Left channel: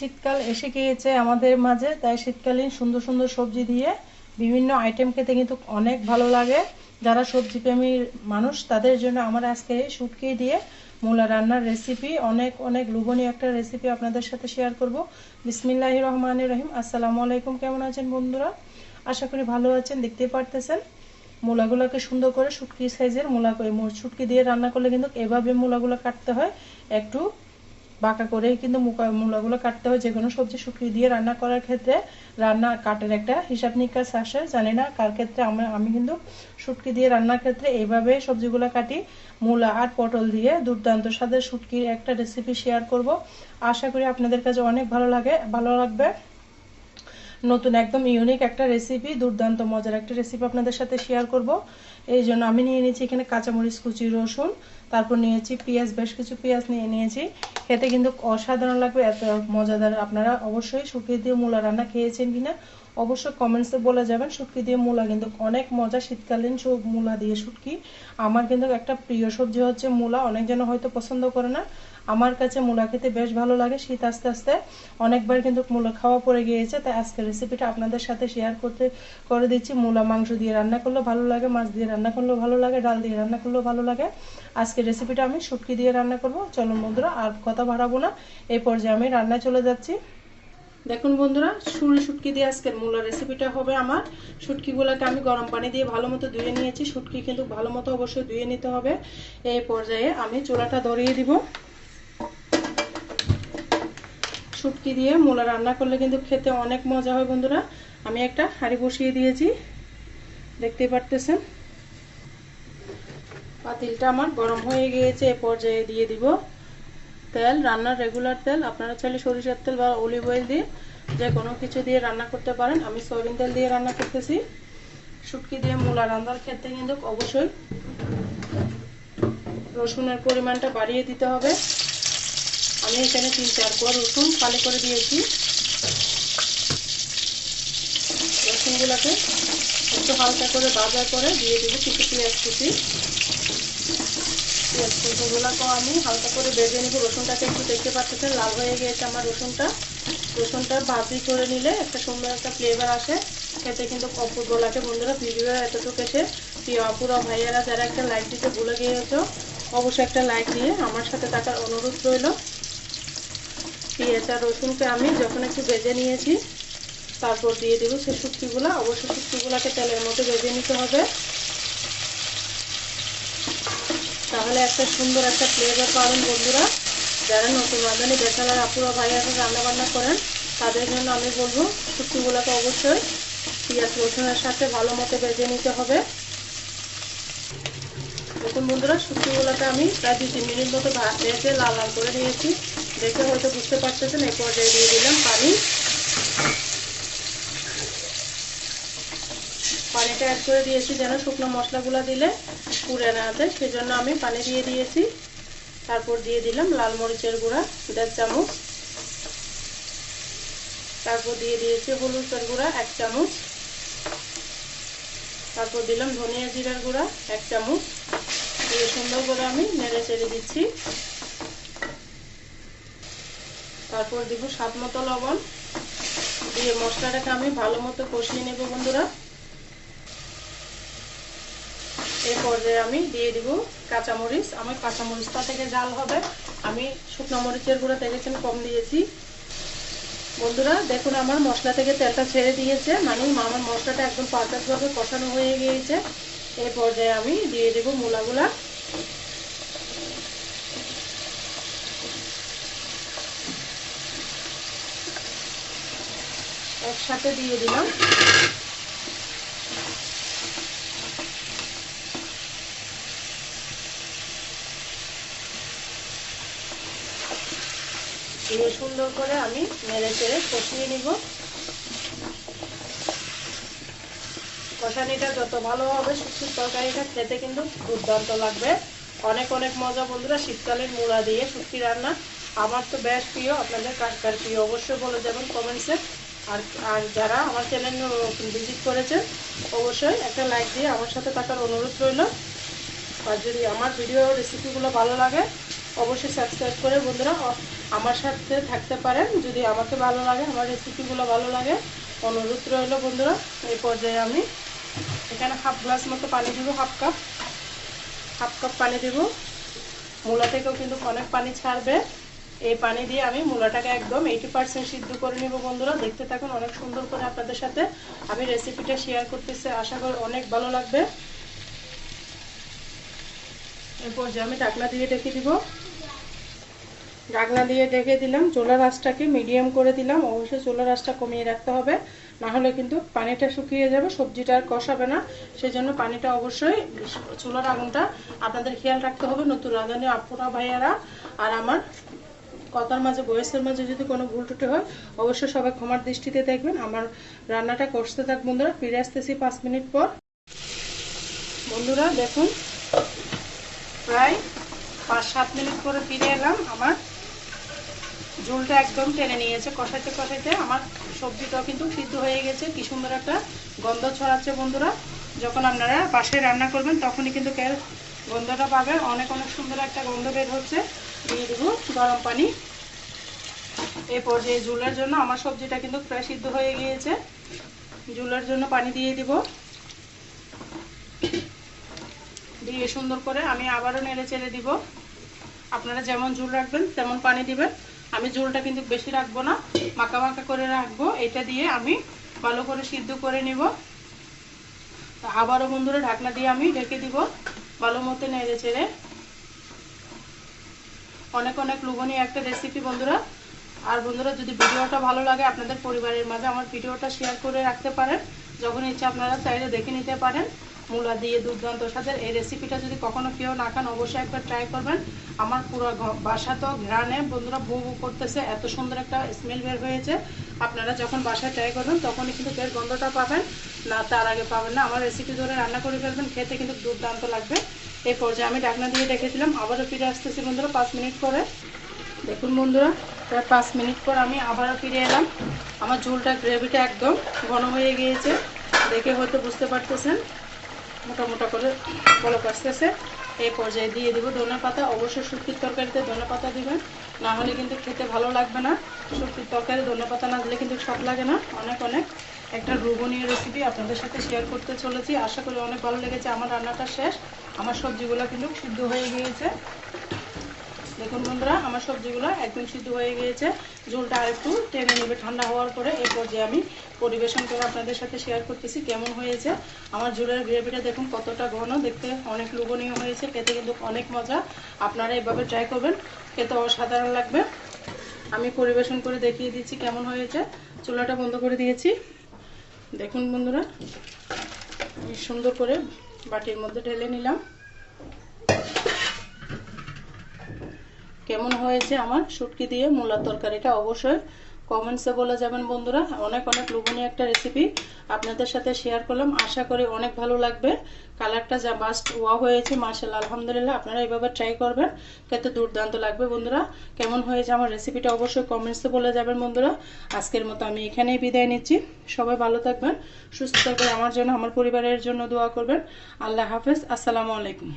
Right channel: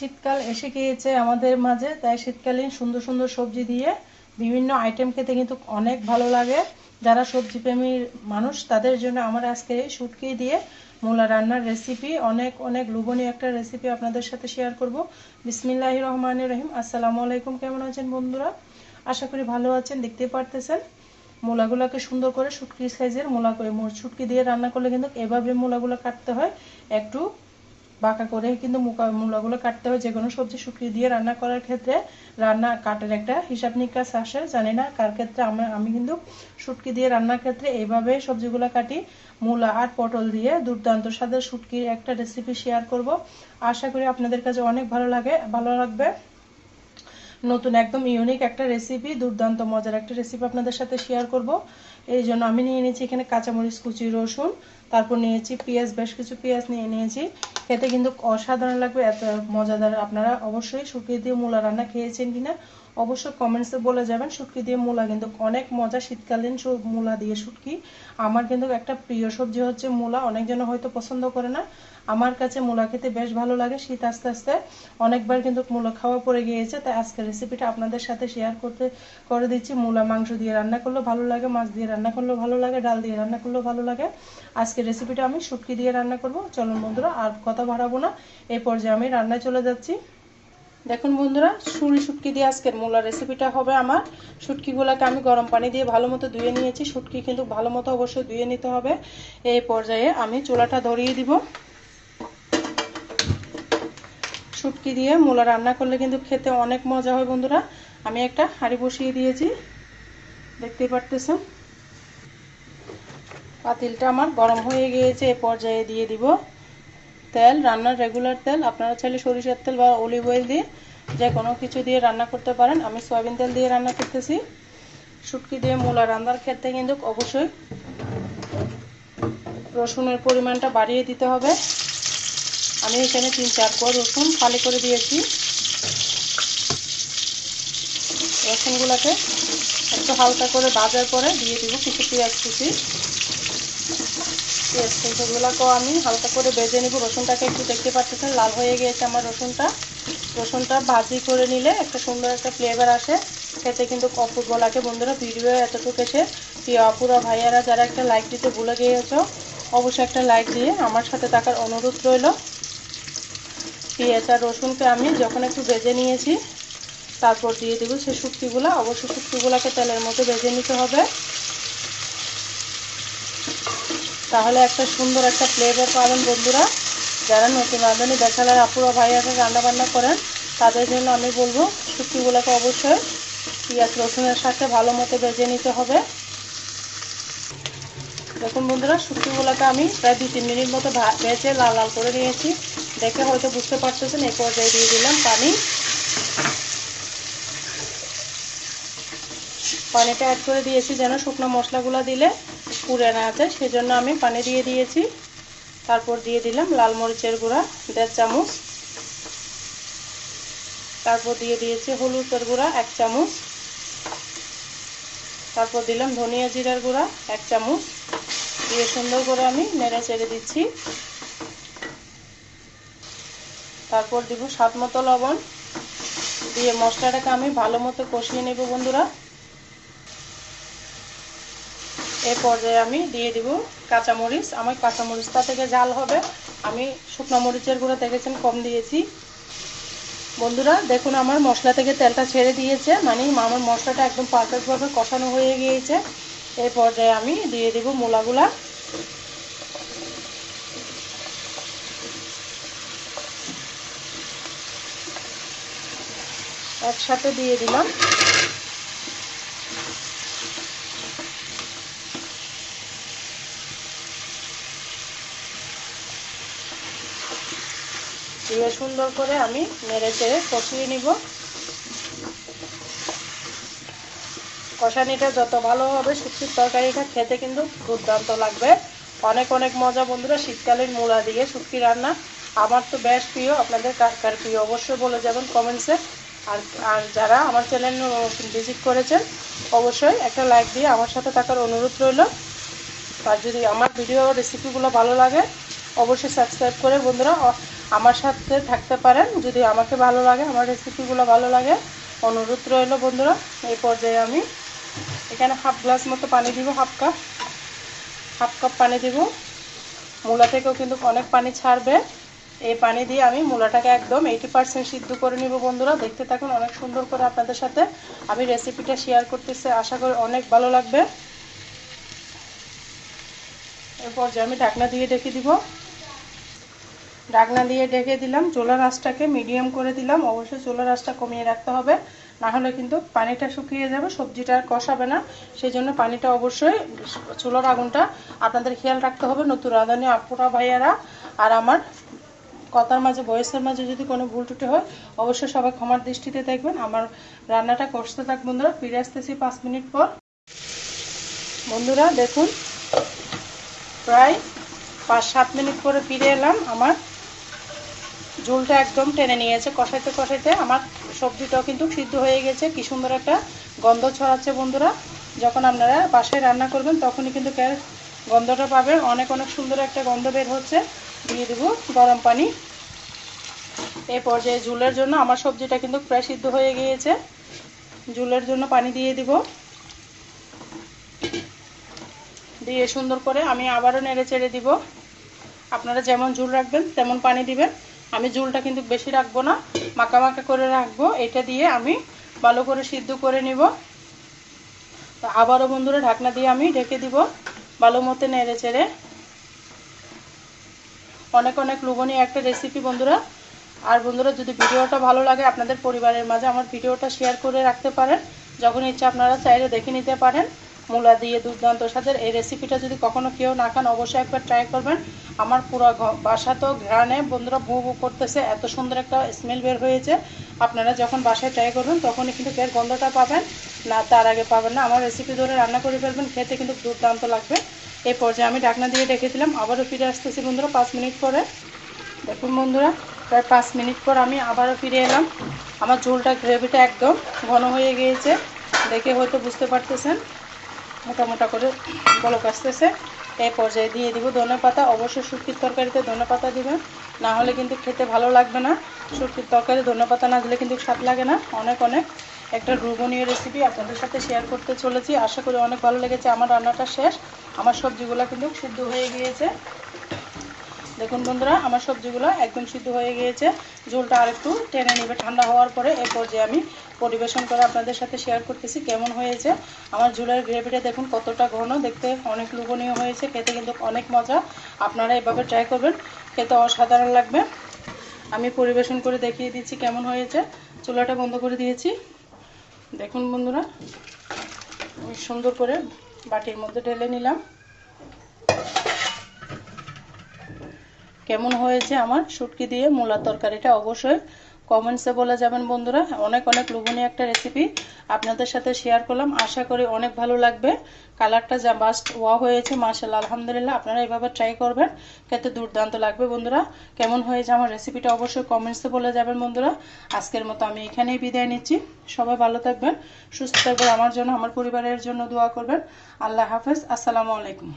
শীতকাল এসে গিয়েছে আমাদের মাঝে, তাই শীতকালীন সুন্দর সুন্দর সবজি দিয়ে বিভিন্ন আইটেম খেতে কিন্তু অনেক ভালো লাগে। যারা সবজি প্রেমী মানুষ তাদের জন্য আমার আজকে শুটকি দিয়ে মূলা রান্নার রেসিপি, অনেক অনেক লোভনীয় একটা রেসিপি আপনাদের সাথে শেয়ার করব। বিসমিল্লাহির রহমানির রহিম। আসসালামু আলাইকুম। কেমন আছেন বন্ধুরা? আশা করি ভালো আছেন। দেখতেই পারতেছেন মূলাগুলোকে সুন্দর করে শুটকি সাইজের মূলা করে, শুটকি দিয়ে রান্না করলে কিন্তু এভাবে মূলাগুলো কাটতে হয়, একটু বাঁকা করে কিন্তু মূলাগুলো কাটতে হয়। যে কোনো সবজি শুটকি দিয়ে রান্না করার ক্ষেত্রে রান্না কাটার একটা হিসাব নিকাশ আসে, জানি না কার ক্ষেত্রে। আমি কিন্তু শুটকি দিয়ে রান্নার ক্ষেত্রে এইভাবে সবজিগুলো কাটি। মূলা আর পটল দিয়ে দুর্দান্ত স্বাদের শুটকির একটা রেসিপি শেয়ার করব। আশা করি আপনাদের কাছে অনেক ভালো লাগবে। নতুন একদম ইউনিক একটা রেসিপি, দুর্দান্ত মজার একটা রেসিপি আপনাদের সাথে শেয়ার করব। এই জন্য আমি নিয়ে নিয়েছি এখানে কাঁচামরিচ কুচি, রসুন, তারপর নিয়েছি পেঁয়াজ, বেশ কিছু পেঁয়াজ নিয়েছি। খেতে কিন্তু অসাধারণ লাগবে, এত মজাদার। আপনারা অবশ্যই শুটকি দিয়ে মূলা রান্না খেয়েছেন কিনা অবশ্যই কমেন্টসে বলে যাবেন। শুটকি দিয়ে মূলা কিন্তু অনেক মজা, শীতকালীন মূলা দিয়ে শুটকি। আমার কিন্তু একটা প্রিয় সবজি হচ্ছে মূলা। অনেকজন হয়তো পছন্দ করে না, আমার কাছে মূলা খেতে বেশ ভালো লাগে। শীত আস্তে আস্তে অনেকবার কিন্তু মূলা খাওয়া পড়ে গিয়েছে, তাই আজকের রেসিপিটা আপনাদের সাথে শেয়ার করে দিচ্ছি। মূলা মাংস দিয়ে রান্না করলেও ভালো লাগে, মাছ দিয়ে রান্না করলেও ভালো লাগে, ডাল দিয়ে রান্না করলেও ভালো লাগে। আজকের রেসিপিটা আমি শুটকি দিয়ে রান্না করব। চলুন বন্ধুরা, আর কথা বাড়াবো না, এই পর্যায়ে আমি রান্নায় চলে যাচ্ছি। দেখুন বন্ধুরা, শুটকি দিয়ে আজকের মূলার রেসিপিটা হবে আমার। শুটকিগুলোকে আমি গরম পানি দিয়ে ভালো মতো ধুয়ে নিয়েছি। শুটকি কিন্তু ভালো মতো অবশ্যই ধুয়ে নিতে হবে। এই পর্যায়ে আমি চুলাটা ধরিয়ে দিব। শুটকি দিয়ে মূলা রান্না করলে কিন্তু খেতে অনেক মজা হয় বন্ধুরা। আমি একটা হাঁড়ি বসিয়ে দিয়েছি, দেখতেই পারতেছেন। পাতিলটা আমার গরম হয়ে গিয়েছে। এ পর্যায়ে দিয়ে দিব তেল, রান্নার রেগুলার তেল। আপনারা চাইলে সরিষার তেল বা অলিভ অয়েল দিয়ে যে কোনো কিছু দিয়ে রান্না করতে পারেন। আমি সয়াবিন তেল দিয়ে রান্না করতেছি। শুটকি দিয়ে মূলা রান্নার ক্ষেত্রে কিন্তু অবশ্যই রসুনের পরিমাণটা বাড়িয়ে দিতে হবে। আমি এখানে 3-4 কোয়া রসুন ফালি করে দিয়েছি। রসুনগুলোকে একটু হালকা করে ভাজার পরে দিয়ে দেবো কিছু পেঁয়াজ কুচি। পেঁয়াজ কুচিগুলোকেও আমি হালকা করে ভেজে নেব। রসুনটাকে একটু দেখতে পাচ্ছেন লাল হয়ে গিয়েছে আমার রসুনটা ভাজি করে নিলে একটা সুন্দর একটা ফ্লেভার আসে খেতে কিন্তু অপূর্ব লাগে। বন্ধুরা, ভিডিও এতটুকু এসে প্রিয় আপুরা ভাইয়ারা যারা একটা লাইক দিতে ভুলে গিয়েছো, অবশ্যই একটা লাইক দিয়ে আমার সাথে থাকার অনুরোধ রইল। পেঁয়াজ আর রসুনকে আমি যখন একটু ভেজে নিয়েছি, তারপর দিয়ে দিব সেই শুটকিগুলো। অবশ্যই শুটকিগুলোকে তেলের মধ্যে ভেজে নিতে হবে, তাহলে একটা সুন্দর একটা ফ্লেভার পাবেন বন্ধুরা। যারা নতুন রাঁধুনি ব্যাচেলার আপুরা ভাইয়ারা রান্না বান্না করেন, তাদের জন্য আমি বলবো শুটকিগুলোকে অবশ্যই পেঁয়াজ রসুনের সাথে ভালো মতো ভেজে নিতে হবে। দেখুন বন্ধুরা, শুটকিগুলোকে আমি প্রায় 2-3 মিনিট মতো ভেজে লাল লাল করে নিয়েছি। দেখে হয়তো বুঝতে পারতেছেন। এই পর্যায়ে দিয়ে দিলাম পানিটা অ্যাড করে দিয়েছি যেন শুকনো মশলাগুলো দিলে পুড়ে না যায়, সেজন্য আমি পানি দিয়ে দিয়েছি। তারপর দিয়ে দিলাম লাল মরিচের গুঁড়া 1.5 চামচ। তারপর দিয়ে দিয়েছি হলুদের গুঁড়া 1 চামচ। তারপর দিলাম ধনিয়া জিরার গুঁড়া 1 চামচ। দিয়ে সুন্দর করে আমি নেড়ে চেড়ে দিচ্ছি। তারপর দিব স্বাদ মতো লবণ। দিয়ে মশলাটাকে আমি ভালো মতো কষিয়ে নেব বন্ধুরা। এই পর্যায়ে আমি দিয়ে দিব কাঁচামরিচ। আমার কাঁচামরিচটা থেকে ঝাল হবে, আমি শুকনো মরিচের গুঁড়া দেখেছেন কম দিয়েছি। বন্ধুরা দেখুন, আমার মশলা থেকে তেলটা ছেড়ে দিয়েছে, মানে আমার মশলাটা একদম পারফেক্টভাবে কষানো হয়ে গিয়েছে। এই পর্যায়ে আমি দিয়ে দেব মূলাগুলা। একসাথে দিয়ে দিলাম। দিয়ে সুন্দর করে আমি নেড়ে চেড়ে কষিয়ে নিব। কষানিটা যত ভালো হবে শুটকির তরকারিটা খেতে কিন্তু দুর্দান্ত লাগবে, অনেক অনেক মজা বন্ধুরা। শীতকালীন মূলা দিয়ে শুটকি রান্না আমার তো বেশ প্রিয়। আপনাদের কার কার প্রিয় অবশ্যই বলে যাবেন কমেন্টসে। আর যারা আমার চ্যানেল ভিজিট করেছেন, অবশ্যই একটা লাইক দিয়ে আমার সাথে থাকার অনুরোধ রইল। আর যদি আমার ভিডিও রেসিপিগুলো ভালো লাগে, অবশ্যই সাবস্ক্রাইব করে বন্ধুরা আমার সাথে থাকতে পারেন যদি আমাকে ভালো লাগে, আমার রেসিপিগুলো ভালো লাগে। অনুরোধ রইল বন্ধুরা। এই পর্যায়ে আমি এখানে হাফ গ্লাস মতো পানি দিব, হাফ কাপ পানি দিব। মূলা থেকেও কিন্তু অনেক পানি ছাড়বে। এই পানি দিয়ে আমি মূলাটাকে একদম 80% সিদ্ধ করে নিব বন্ধুরা। দেখতে থাকুন, অনেক সুন্দর করে আপনাদের সাথে আমি রেসিপিটা শেয়ার করতেছি, আশা করি অনেক ভালো লাগবে। এরপর যে আমি ঢাকনা দিয়ে ঢেকে দিব। ঢাকনা দিয়ে ঢেকে দিলাম, চুলার আঁচটাকে মিডিয়াম করে দিলাম। অবশ্যই চুলার আঁচটা কমিয়ে রাখতে হবে, না হলে কিন্তু পানিটা শুকিয়ে যাবে, সবজিটা আর কষাবে না। সেই জন্য পানিটা অবশ্যই, চুলার আগুনটা আপনাদের খেয়াল রাখতে হবে। নতুন রাঁধুনি আপুরা ভাইয়ারা আর আমার কথার মাঝে বয়সের মাঝে যদি কোনো ভুল ত্রুটি হয় অবশ্যই সবাই ক্ষমার দৃষ্টিতে দেখবেন। আমার রান্নাটা কষতে থাক বন্ধুরা। ফিরে আসতেছি 5 মিনিট পর। বন্ধুরা দেখুন, প্রায় 5-7 মিনিট পরে ফিরে এলাম। আমার ঝোলটা একদম টেনে নিয়েছে, কষাইতে কষাইতে আমার সবজিটাও কিন্তু সিদ্ধ হয়ে গেছে। কি সুন্দর একটা গন্ধ ছড়াচ্ছে বন্ধুরা। যখন আপনারা বাসায় রান্না করবেন তখনই কিন্তু গন্ধটা পাবেন, অনেক সুন্দর একটা গন্ধ বের হচ্ছে। দিয়ে দেবো গরম পানি। এই পর্যায়ে ঝোলের জন্য আমার সবজিটা কিন্তু প্রায় সিদ্ধ হয়ে গিয়েছে। ঝোলের জন্য পানি দিয়ে দিব। দিয়ে সুন্দর করে আমি আবারও নেড়ে চেড়ে দিব। আপনারা যেমন ঝোল রাখবেন তেমন পানি দিবেন। আমি ঝোলটা কিন্তু বেশি রাখবো না, মাখা মাখা করে রাখবো। এটা দিয়ে আমি ভালো করে সিদ্ধ করে নিব। তো আবারও বন্ধুরা ঢাকনা দিয়ে আমি ঢেকে দিব, ভালো মতো নেড়ে চেড়ে। অনেক লোভনীয় একটা রেসিপি বন্ধুরা। আর বন্ধুরা যদি ভিডিওটা ভালো লাগে আপনাদের পরিবারের মাঝে আমার ভিডিওটা শেয়ার করে রাখতে পারেন। যখন ইচ্ছা আপনারা চাইলে দেখে নিতে পারেন। মূলা দিয়ে দুর্দান্ত স্বাদের এই রেসিপিটা যদি কখনো কেউ না খান অবশ্যই একবার ট্রাই করবেন। আমার পুরো বাসা তো ঘ্রাণে বন্ধুরা ভু ভু করতেছে, এত সুন্দর একটা স্মেল বের হয়েছে। আপনারা যখন বাসায় ট্রাই করবেন তখনই কিন্তু এর গন্ধটা পাবেন, না তার আগে পাবেন না। আমার রেসিপি ধরে রান্না করে ফেলবেন, খেতে কিন্তু দুর্দান্ত লাগবে। এই পর্যায়ে আমি ঢাকনা দিয়ে রেখেছিলাম, আবারও ফিরে আসতেছি বন্ধুরা 5 মিনিট পরে। দেখুন বন্ধুরা, প্রায় 5 মিনিট পর আমি আবারও ফিরে এলাম। আমার ঝোলটা গ্রেভিটা একদম ঘন হয়ে গিয়েছে, দেখে হয়তো বুঝতে পারতেছেন। মোটা মোটা করে বলক আসতেছে। এই পর্যায়ে দিয়ে দেবো ধনেপাতা। অবশ্যই শুটকির তরকারিতে ধনেপাতা দিবেন, না হলে কিন্তু খেতে ভালো লাগবে না। শুটকির তরকারি ধনেপাতা না দিলে কিন্তু স্বাদ লাগে না। অনেক একটা লোভনীয় রেসিপি আপনাদের সাথে শেয়ার করতে চলেছি। আশা করি অনেক ভালো লেগেছে। আমার রান্নাটা শেষ, আমার সবজিগুলো কিন্তু সিদ্ধ হয়ে গিয়েছে। দেখুন বন্ধুরা, আমার সবজিগুলো একদম সিদ্ধ হয়ে গিয়েছে। ঝোলটা আরেকটু টেনে নেবে ঠান্ডা হওয়ার পরে। এরপর যে আমি পরিবেশন করে আপনাদের সাথে শেয়ার করতেছি কেমন হয়েছে। আমার ঝোলের গ্রেভিটা দেখুন কতটা ঘন, দেখতে অনেক লোভনীয় হয়েছে, খেতে কিন্তু অনেক মজা। আপনারা এভাবে ট্রাই করবেন, খেতে অসাধারণ লাগবে। আমি পরিবেশন করে দেখিয়ে দিচ্ছি কেমন হয়েছে। চুলাটা বন্ধ করে দিয়েছি। দেখুন বন্ধুরা, সুন্দর করে বাটির মধ্যে ঢেলে নিলাম। কেমন হয়েছে আমার শুটকি দিয়ে মূলা তরকারিটা অবশ্যই কমেন্টসে বলে যাবেন বন্ধুরা। অনেক লোভনীয় একটা রেসিপি আপনাদের সাথে শেয়ার করলাম, আশা করি অনেক ভালো লাগবে। কালারটা যা বাস্ট ওয়া হয়েছে মাশাআল্লাহ, আলহামদুলিল্লাহ। আপনারা এভাবে ট্রাই করবেন, খেতে দুর্দান্ত লাগবে বন্ধুরা। কেমন হয়েছে আমার রেসিপিটা অবশ্যই কমেন্টসে বলে যাবেন বন্ধুরা। আজকের মতো আমি এখানেই বিদায় নিচ্ছি। সবাই ভালো থাকবেন, সুস্থ থাকবেন, আমার জন্য আমার পরিবারের জন্য দোয়া করবেন। আল্লাহ হাফেজ, আসসালামু আলাইকুম।